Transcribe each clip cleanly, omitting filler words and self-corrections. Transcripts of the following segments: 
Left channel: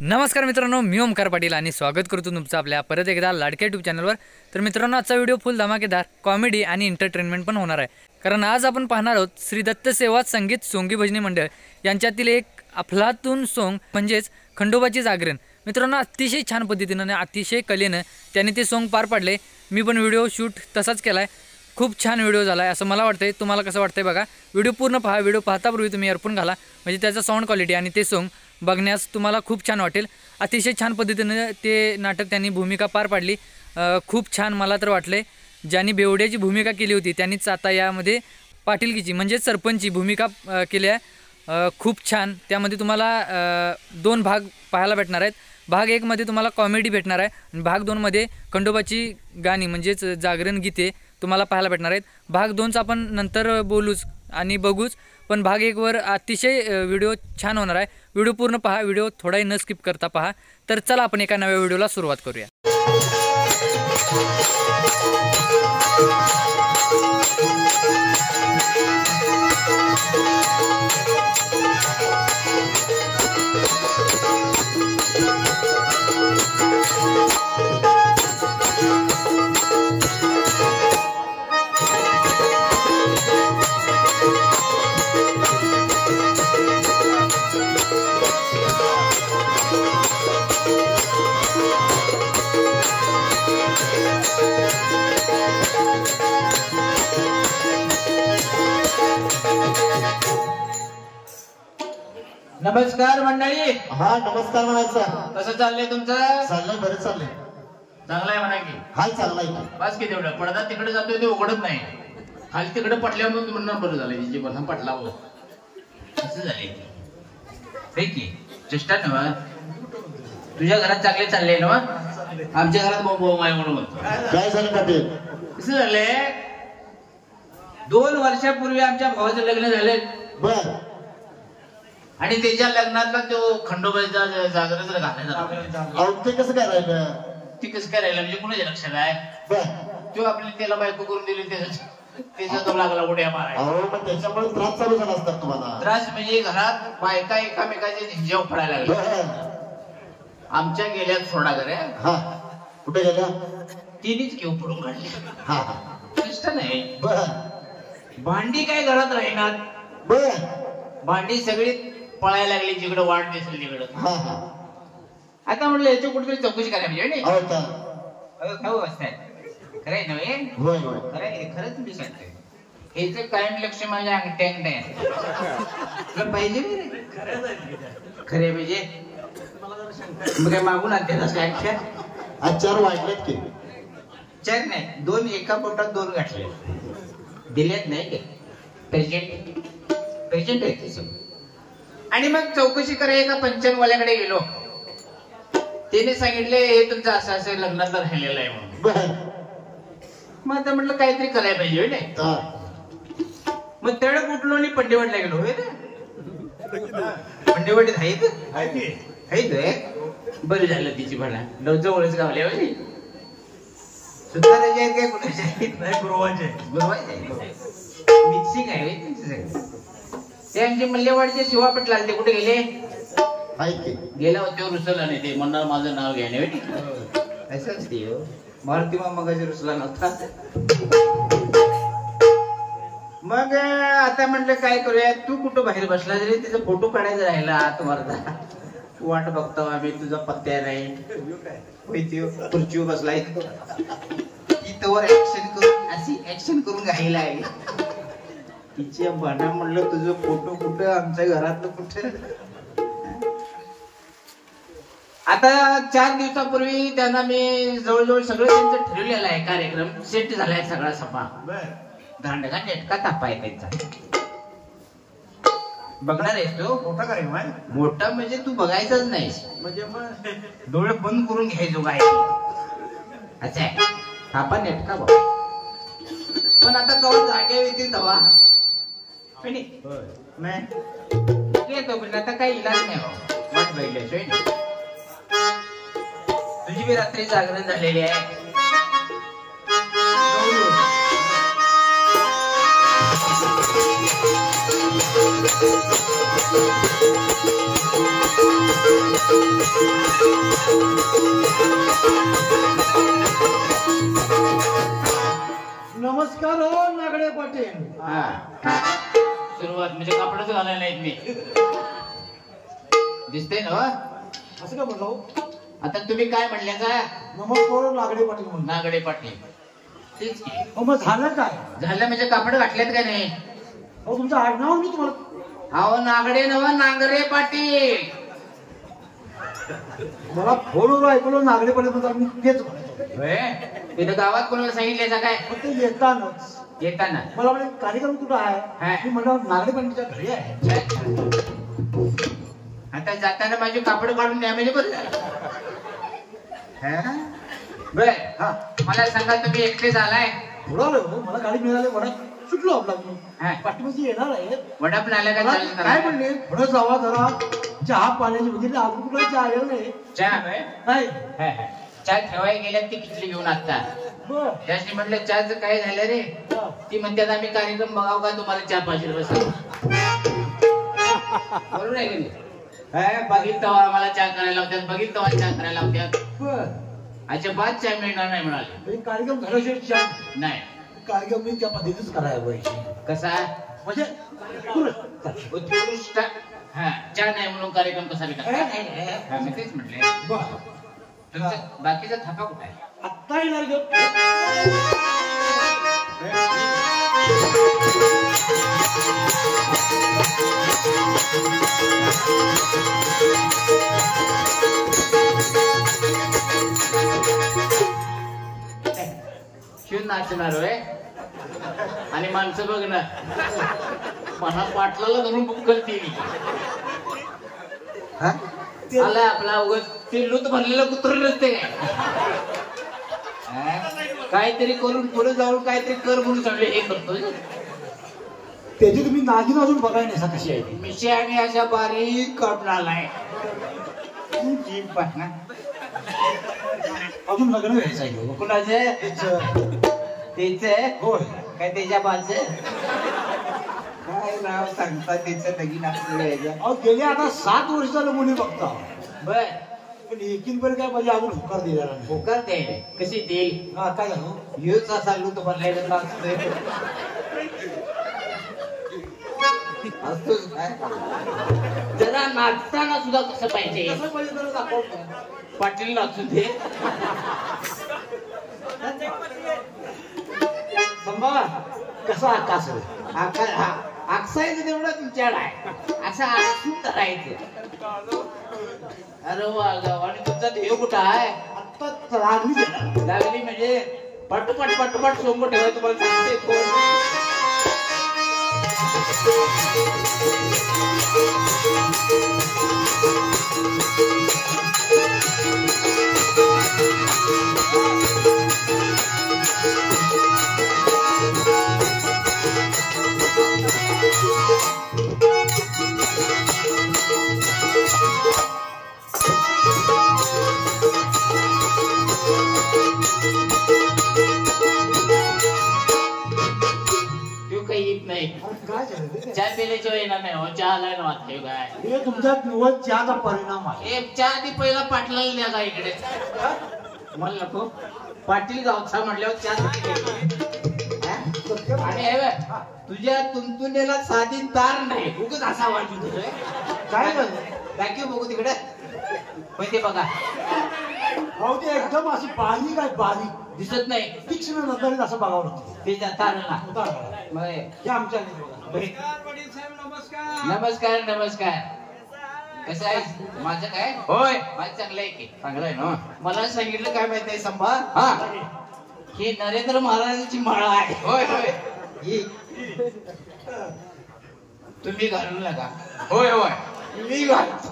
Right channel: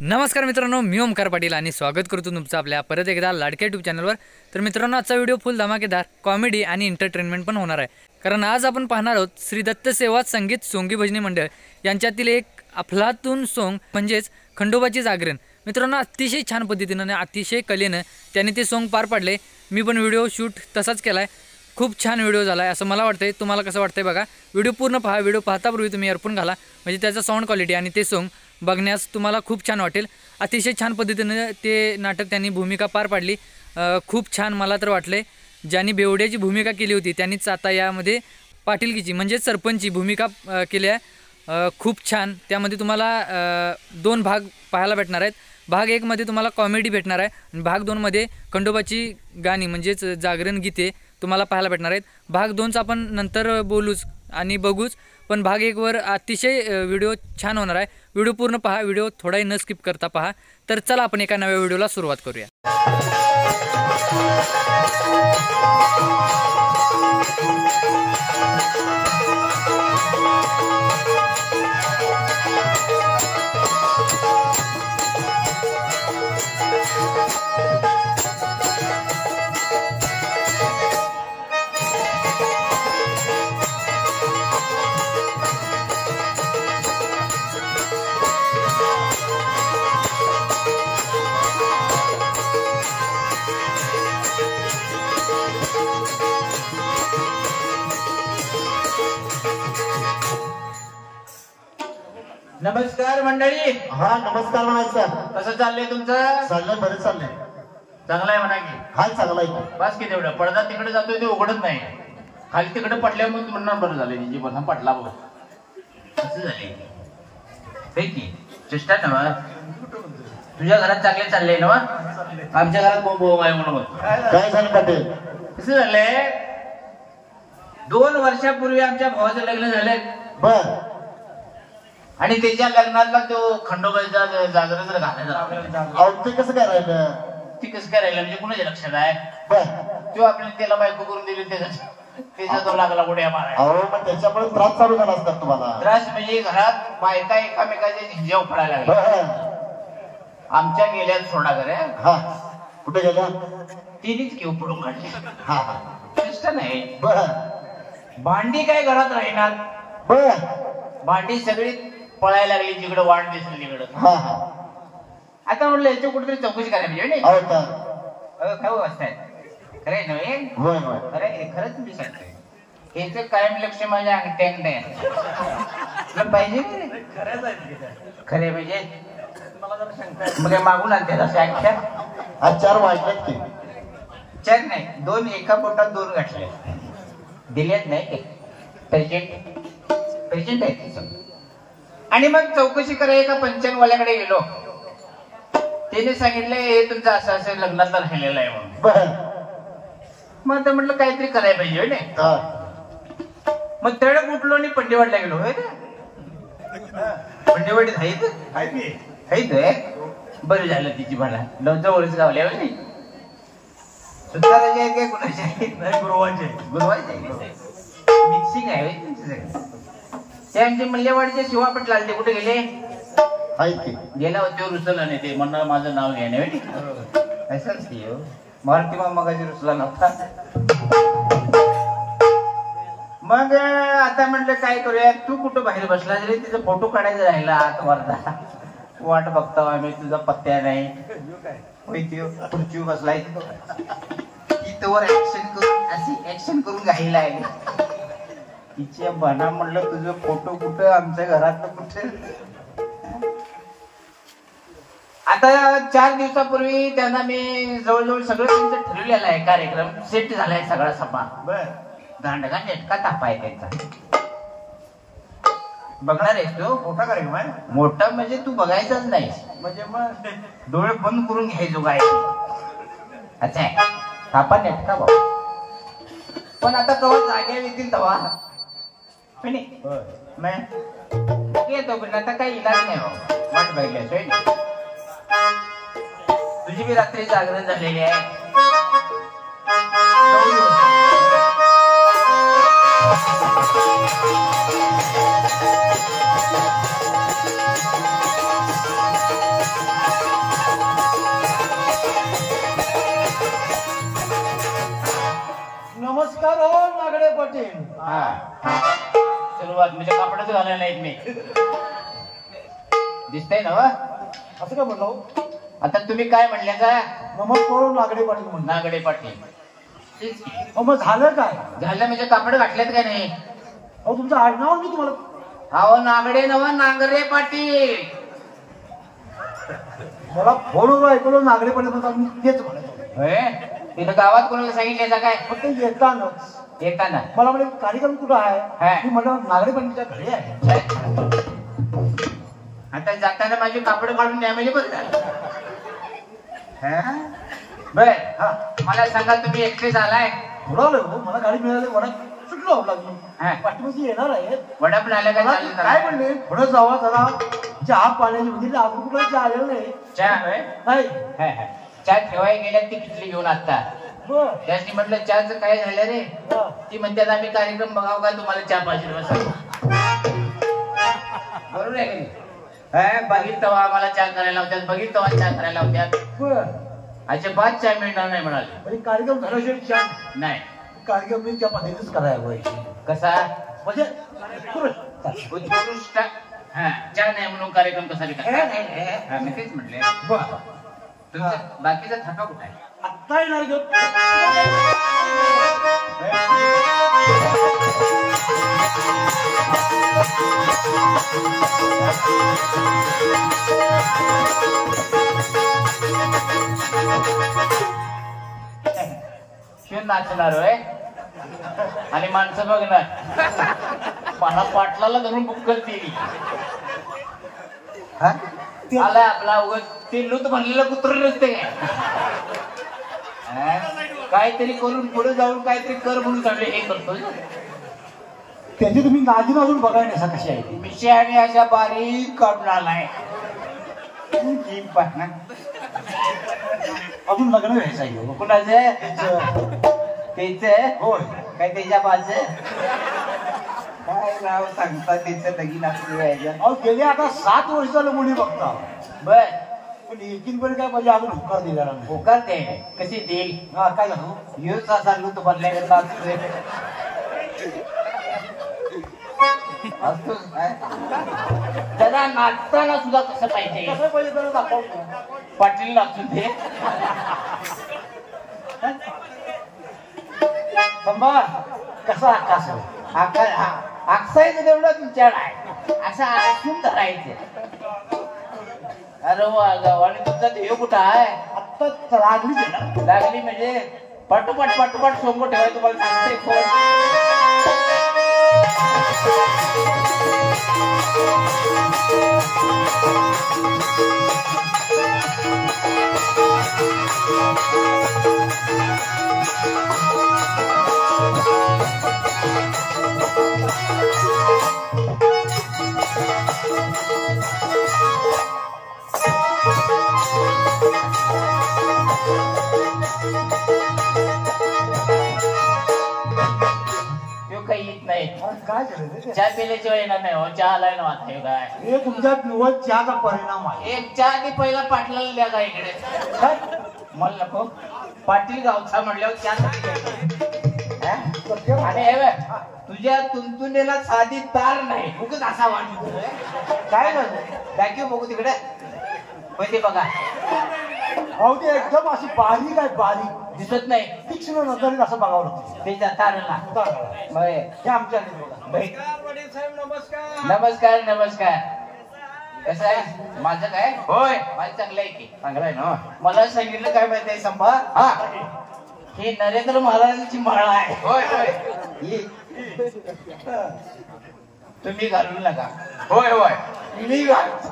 नमस्कार मित्रांनो, मी ओमकार पाटील आणि स्वागत करतो तुमचं आपल्या परत एकदा लाडक्या यूट्यूब चॅनलवर। तर मित्रांनो, आजचा व्हिडिओ फुल धमाकेदार कॉमेडी आणि एंटरटेनमेंट पण होणार आहे, कारण आज आपण पाहणार आहोत श्री दत्त सेवा संगीत सोंगी भजनी मंडळ यांच्यातील एक अफलातून सोंग म्हणजेच खंडोबाची जागरण। मित्रांनो, अतिशय छान पद्धतीने आणि अतिशय कलेने त्यांनी ते सोंग पार पाडले। मी पण व्हिडिओ शूट तसाच केलाय, खूप छान व्हिडिओ झाला आहे असं मला वाटतंय। तुम्हाला कसं वाटतंय बघा, व्हिडिओ पूर्ण पहा। व्हिडिओ पाहतापूर्वी तुम्ही इयरफोन घाला, म्हणजे त्याचा साऊंड क्वालिटी आणि ते सोंग बघण्यास तुम्हाला खूप छान वाटेल। अतिशय छान पद्धतीने ते नाटक त्यांनी भूमिका पार पाडली, खूप छान मला तर वाटले। ज्यांनी बेवड्याची भूमिका केली होती त्यांनीच आता यामध्ये पाटीलकीची म्हणजे सरपंचची भूमिका केली आहे, खूप छान। त्यामध्ये तुम्हाला दोन भाग पाहायला भेटणार आहेत। भाग 1 मध्ये तुम्हाला कॉमेडी भेटणार आहे आणि भाग 2 मध्ये खंडोबाची गाणी म्हणजेच जागरण गीते तुम्हाला पाहायला भेटणार आहेत। भाग 2चा आपण नंतर बोलूच आणि बघूच, पण भाग 1 वर अतिशय व्हिडिओ छान होणार आहे। व्हिडिओ पूर्ण पहा, व्हिडिओ थोडाही न स्किप करता पहा। तर चला आपण एका नव्या व्हिडिओला सुरुवात करूया। नमस्कार मंडळी। हा नमस्कार म्हणायचं। कसं चाललंय तुमचं? चाललंय, बरेच चाललंय। चांगलं आहे म्हणा की। हाय, चांगला आहे। बस की तेवढं। पडदा तिकडे जातोय ते उघडत नाही, खाली तिकडे पडल्या म्हणून म्हणणार बरं झालं जी बघा पडला बघ कसं झाले हे की चेष्टा ना। तुझ्या घरात चांगले चालले ना, आमच्या घरात बोबो आहे म्हणून काय झालं पाटील? कसं झालंय, 2 वर्षापूर्वी आमच्या भावाचं लग्न झालंय बर, आणि त्याच्या लग्नातला तो खंडोबाचा जागरण जर घालायचा ते कसं काय राहिलं? ती कसं काय राहिलं म्हणजे कुणाच्या लक्षात आहे? बर, तो आपली त्याला बायको करून दिली, त्याच्या तो लागला उड्या मारायला। अहो मग त्याच्यामुळे त्रास चालू झाला असतात तुम्हाला? त्रास म्हणजे घरात बायका एकामेकाच्या झिंज्या उफडायला लागल्या। आमच्या गेल्या सोडा घरे। हा, कुठे गेल्या? तिनेच घेऊ पडून काढली। हा कष्ट नाही। बर, भांडी काय घरात राहणार? बर, भांडी सगळी पळायला लागली जिकडे वाट दिसेल तिकडं। हा हा, आता म्हटलं याची कुठेतरी चौकशी करायला पाहिजे। अहो तर काय अवस्था आहे? खरंय नव्हे? होय होय, खरंच तुम्ही सांगताय। हेच कायम लक्ष माझ्या अंगठ्यांत आहे पाहिजे खरे म्हणजे मग काय मागून आणते अख्ख्या? आज 4 वाजलेत की? 4 नाही, 2 एका पोटात 2 गाठले दिल्यात नाही का? पेशंट आहे ते सगळं। आणि मग चौकशी करायला एका पंचांगवाल्याकडे गेलो, त्याने सांगितले हे तुमचं असं असं लग्नातलं राहिलेलं आहे म्हणून। बर, मग आता म्हटलं काहीतरी करायला पाहिजे नाही। मग तडक उठलो आणि पंडेवाडला गेलो। पंडेवाडीत आहेत बरं झालं तिची भाडा जवळच गावल्या सुताराचे आहेत काय कुणाचे आहेत? गुरुवाचे मिक्सिंग आहे ते आमचे मल्लेवाडीचे शिवा पटला ते कुठे गेले? गेला होते रुसला नाही, ते म्हणणार माझं नाव घ्यायला भेट असंच की मारुती मगाशी रुसला नव्हता। मग आता म्हटलं काय करूया, तू कुठं बाहेर बसला जरी तिचा फोटो काढायचा राहिला आत वरदा वाट बघता आम्ही, तुझा पत्त्या नाही खुर्चीवर बसलाय तोवर ऍक्शन करून अशी ऍक्शन करून घाईला आहे तिच्या बाणा। म्हणलं तुझं फोटो कुठं, आमच्या घरात कुठं? आता 4 दिवसापूर्वी त्यांना मी जवळजवळ सगळं त्यांचं ठरवलेलं आहे, कार्यक्रम सेट झालाय सगळा सपा। दांडगा नेटका तापा आहे त्यांचा। बघणार आहेस तू? मोठा कार्यक्रम आहे। मोठा म्हणजे तू बघायचाच नाही, म्हणजे मग डोळे बंद करून घ्यायचो काय? अच्छा, तापा नेटका भाऊ। पण आता कवा जाग्या येतील तवा येतो, पण आता काही इलाज नाही हो, वाट बघल्याशिवाय। तुझी बी रात्री जागरण झालेली आहे। नमस्कार हो नागडे पाटील. सुरुवात म्हणजे कपडेच घालायला नाहीत मी. दिसतंय ना असं काय म्हणलं हो? आता तुम्ही काय म्हणल्याचा? नमस्कार हो नागडे पाटील म्हणलं. नागडे पाटील. तेच की. अहो मग झालं काय? झालं म्हणजे कापड घातलेत का नाही? अहो तुमचं आडनाव मी तुम्हाला. अहो नागडे नव नांगरे पाटील. मला फोनवर ऐकलं नागडे पाटील म्हणतात, मी तेच म्हणत होय? इथं गावात कोणाला सांगितलं काय? फक्त येतानाच येताना मला म्हणे कार्यक्रम कुठं हा. आहे? मी म्हटलं नागडे पाटीलच्या घरी आहे. आता जाताना माझे कापड काढून न्या म्हणजे बरं. बर हा मला सांगा तुम्ही एकटेच आलाय? बोलावलं हो, मला गाडी मिळाली, मला सुटलो आपला हा. पाठीमध्ये येणार आहे. वडा पण आला मला काय? काय म्हणले पुढे जावा जरा चहा पाण्याची म्हणजे अजून कुठला चहा आलेला नाही. चहा होय? नाही चहा ठेवायला गेल्यात ती किचली घेऊन आता. बर त्याची म्हटलं चहाचं काय झालं रे? हा. ती म्हणतात आम्ही कार्यक्रम बघाव का तुम्हाला चहा पाहिजे बसा. बरोबर आहे की नाही? बघित तेव्हा आम्हाला चहा करायला होत्यात, बघित तेव्हा चहा करायला होत्यात. बर अजिबात चहा मिळणार नाही म्हणाले. म्हणजे कार्यक्रम झाल्याशिवाय चहा नाही. कार्यक्रम मी त्या पद्धतीच करायला पाहिजे. कसा म्हणजे उत्कृष्ट. हा चहा नाही म्हणून कार्यक्रम कसा रिकामा? हा मी तेच म्हटले. बरं तुमचं बाकीचा थापा कुठे आहे? आत्ता येणार का? शिव नाचणार होय आणि माणसं बघणार. मला पाटलाला धरून बुक्कल केली. आलाय आपला उगाच ते लूत भरलेलं कुत्र नसते काय? काहीतरी करून पुढे जाऊन काहीतरी कर म्हणून सगळे हे करतो. त्याची तुम्ही नागिन अजून बघाय नाही कशी आहे ती. मिशा आणि अशा बारीक काढून आलाय. अजून लग्न व्हायचं आहे. कुणाचं? त्याचं. त्याच होय काय त्याच्या बाजू काय नाव सांगतात त्याचं लगीन असं व्हायचं. अहो गेले आता 7 वर्ष झालं मुली बघता. बर पण एकीन बरं काय म्हणजे अजून होकार दिलेला नाही. होकार ते कशी देईल? हा काय झालं? ह्योच सांगू तू भरल्याकडे असतोच काय जरा नाचताना सुद्धा कसं पाहिजे? कसं पाहिजे जरा दाखवतो. पाटील नाचून दे. संभार कसा आकाश आकार आकसायचं तेवढं तुमच्याकडे आहे. असं आकसून धरायचं. अरे वा आणि तुमचा ध्येय कुठं आहे? आत्ता लागली लागली म्हणजे पटपट पटपट सोंग ठेवा. तुम्हाला सांगते कोण काही येत नाही. काय झालं? चहा पिण्याच्या येणार नाही. हो चहा आलाय ना आता हे काय? हे तुमच्या निवड चहाचा परिणाम आहे. एक चहा ती पहिला पाटलाला द्या का इकडे. काय? मला नको. पाटील गावचा म्हणल्यावर चहा सत्य आणि हे बघ, तुझ्या तुंतुनेला साधी तार नाही. उगाच असा वाटतो. काय झालं? दाखव बघू तिकडे. ते बघा अहो ते एकदम अशी बारीक आहे, बारीक दिसत नाही. तीक्ष्ण नजरेने असं बघावं लागतं. ते तारला हे आमच्या नमस्कार नमस्कार. कसं आहे माझं? काय होय माझं चांगलं आहे की. चांगलं आहे ना. मला सांगितलं काय माहिती आहे संभा? हा ही नरेंद्र महाराजांची माळा आहे. होय होय ही तुम्ही घालून नका. होय होय मी घालतो.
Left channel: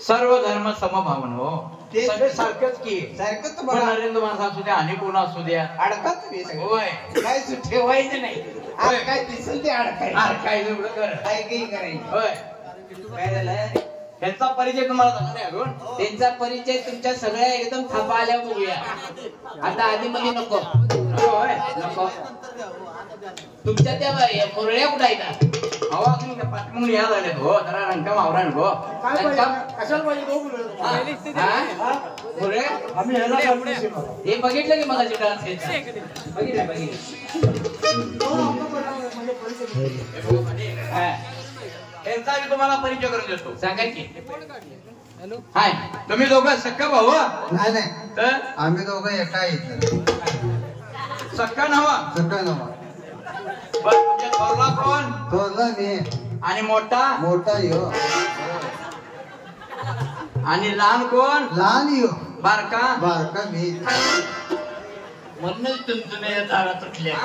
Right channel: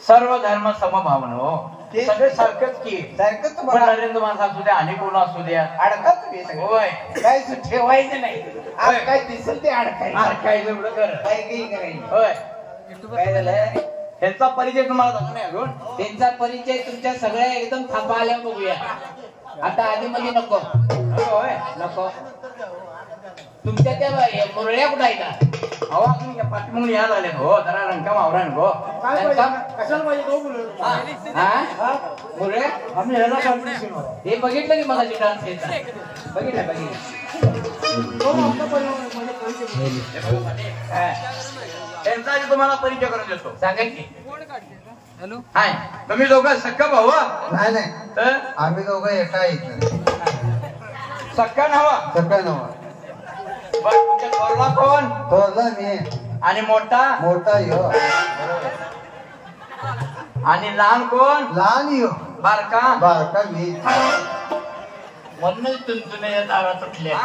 सर्व धर्म समभावन हो. ते सारखंच की सारखंच. तुम्हाला नरेंद्र महाराज असू द्या आणि कोण असू द्या अडकत तुम्ही. होय काय ठेवायचं नाही. काय दिसेल ते अडकायचं. अडकायचं एवढं कर. काही करायचं. होय काय झालंय? त्यांचा परिचय तुम्हाला झाला नाही अजून? त्यांचा परिचय तुमच्या सगळ्या एकदम थांबा आल्या बघूया. आता आधी मध्ये नको. नको तुमच्या त्या मुरळ्या कुठं आहेत? हवा तुम्ही पाठमून या लागले हो जरा रंका मावरा नको काय पाहिजे? कशाला पाहिजे तो बोलू बोले आम्ही ह्याला सांगितलं. हे बघितलं की मगाशी डान्स बघितलं त्यांचा तुम्हाला परिचय करून देतो सांगा की हॅलो हाय तुम्ही दोघं सक्का भाऊ नाही नाही आम्ही दोघं एका आहेत सक्का नवा सकाळ नवा पण तुमच्या थोरला कोण थोरला मी आणि मोठा मोठा यो आणि लहान कोण लहान यो बारका बारका मी म्हणूनच तुमचं तारा तुटल्या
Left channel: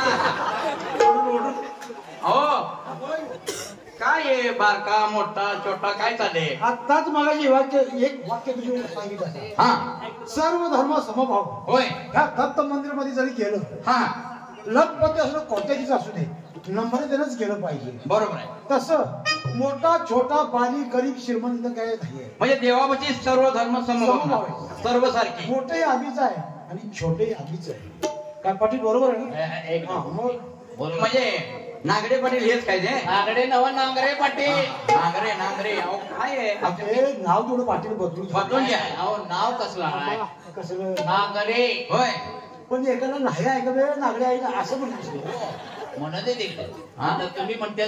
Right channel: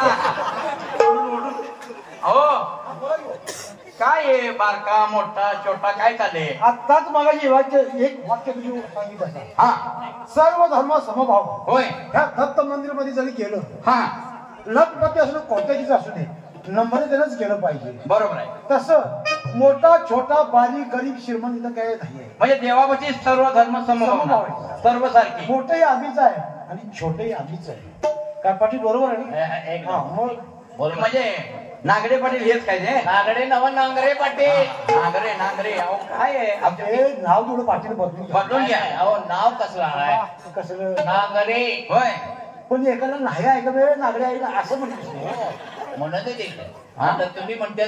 हो काय आहे बारका मोठा छोटा काय चाललंय आत्ताच मगाशी एक वाक्य तुझे सांगितलं हा सर्व धर्म समभाव होय ह्या दत्त मंदिर मध्ये जरी गेलो हा लखपती असू दे कोट्याधीश असू दे नम्रतेनंच गेलं पाहिजे बरोबर आहे तसं मोठा छोटा बारीक गरीब श्रीमंत इथं काय नाहीये म्हणजे देवापाशी सर्व धर्म समभाव समभाव आहे. सर्व सारखी मोठंही आधीच आहे आणि छोटंही आधीच आहे काय पाटील बरोबर आहे ना? हा, मग म्हणजे नागरे पाटील हेच काय ते नागरे नव नांगरे पाटील नांगरे अहो काय आहे हे नाव थोडं पाटील बदलून घ्या अहो नाव कसलं कसं नागरे होय पण एकाला नाही ऐका वेळ नागडे ऐका असं म्हणत तुम्ही म्हणते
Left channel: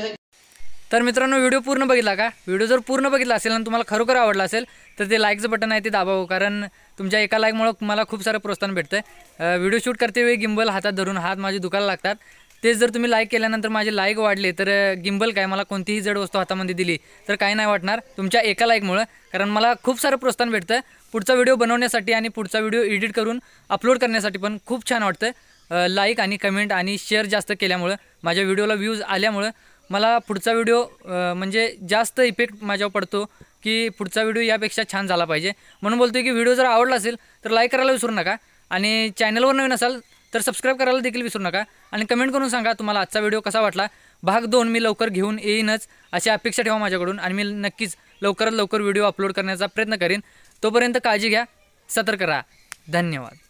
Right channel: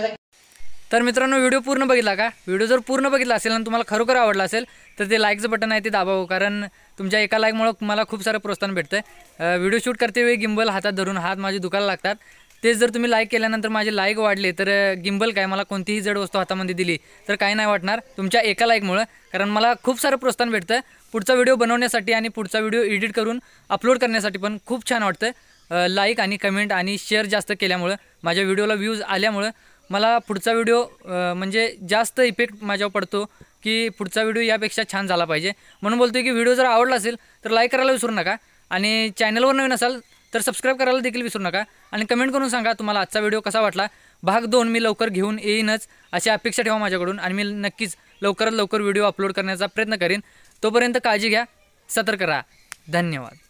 तर मित्रांनो व्हिडिओ पूर्ण बघितला का? व्हिडिओ जर पूर्ण बघितला असेल आणि तुम्हाला खरोखर आवडला असेल तर ते लाईकचं बटन आहे ते दाबावं, कारण तुमच्या एका लाईकमुळं मला खूप सारं प्रोत्साहन भेटतं. व्हिडिओ शूट करते वेळी गिम्बल हातात धरून हात माझे दुखायला लागतात. तेच जर तुम्ही लाईक केल्यानंतर माझे लाईक वाढले तर गिम्बल काय मला कोणतीही जड वस्तू हातामध्ये दिली तर काही नाही वाटणार तुमच्या एका लाईकमुळं, कारण मला खूप सारं प्रोत्साहन भेटतं पुढचा व्हिडिओ बनवण्यासाठी आणि पुढचा व्हिडिओ एडिट करून अपलोड करण्यासाठी पण खूप छान वाटतं. लाईक आणि कमेंट आणि शेअर जास्त केल्यामुळं माझ्या व्हिडिओला व्ह्यूज आल्यामुळं मला पुढचा व्हिडिओ म्हणजे जास्त इफेक्ट माझ्यावर पडतो की पुढचा व्हिडिओ यापेक्षा छान झाला पाहिजे. म्हणून बोलतो की व्हिडिओ जर आवडला असेल तर लाईक करायला विसरू नका आणि चॅनलवर नवीन असाल तर सबस्क्राईब करायला देखील विसरू नका आणि कमेंट करून सांगा तुम्हाला आजचा व्हिडिओ कसा वाटला. भाग 2 मी लवकर घेऊन येईनच अशी अपेक्षा ठेवा माझ्याकडून आणि मी नक्कीच लवकरात लवकर व्हिडिओ अपलोड करण्याचा प्रयत्न करेन. तोपर्यंत काळजी घ्या, सतर्क राहा. धन्यवाद.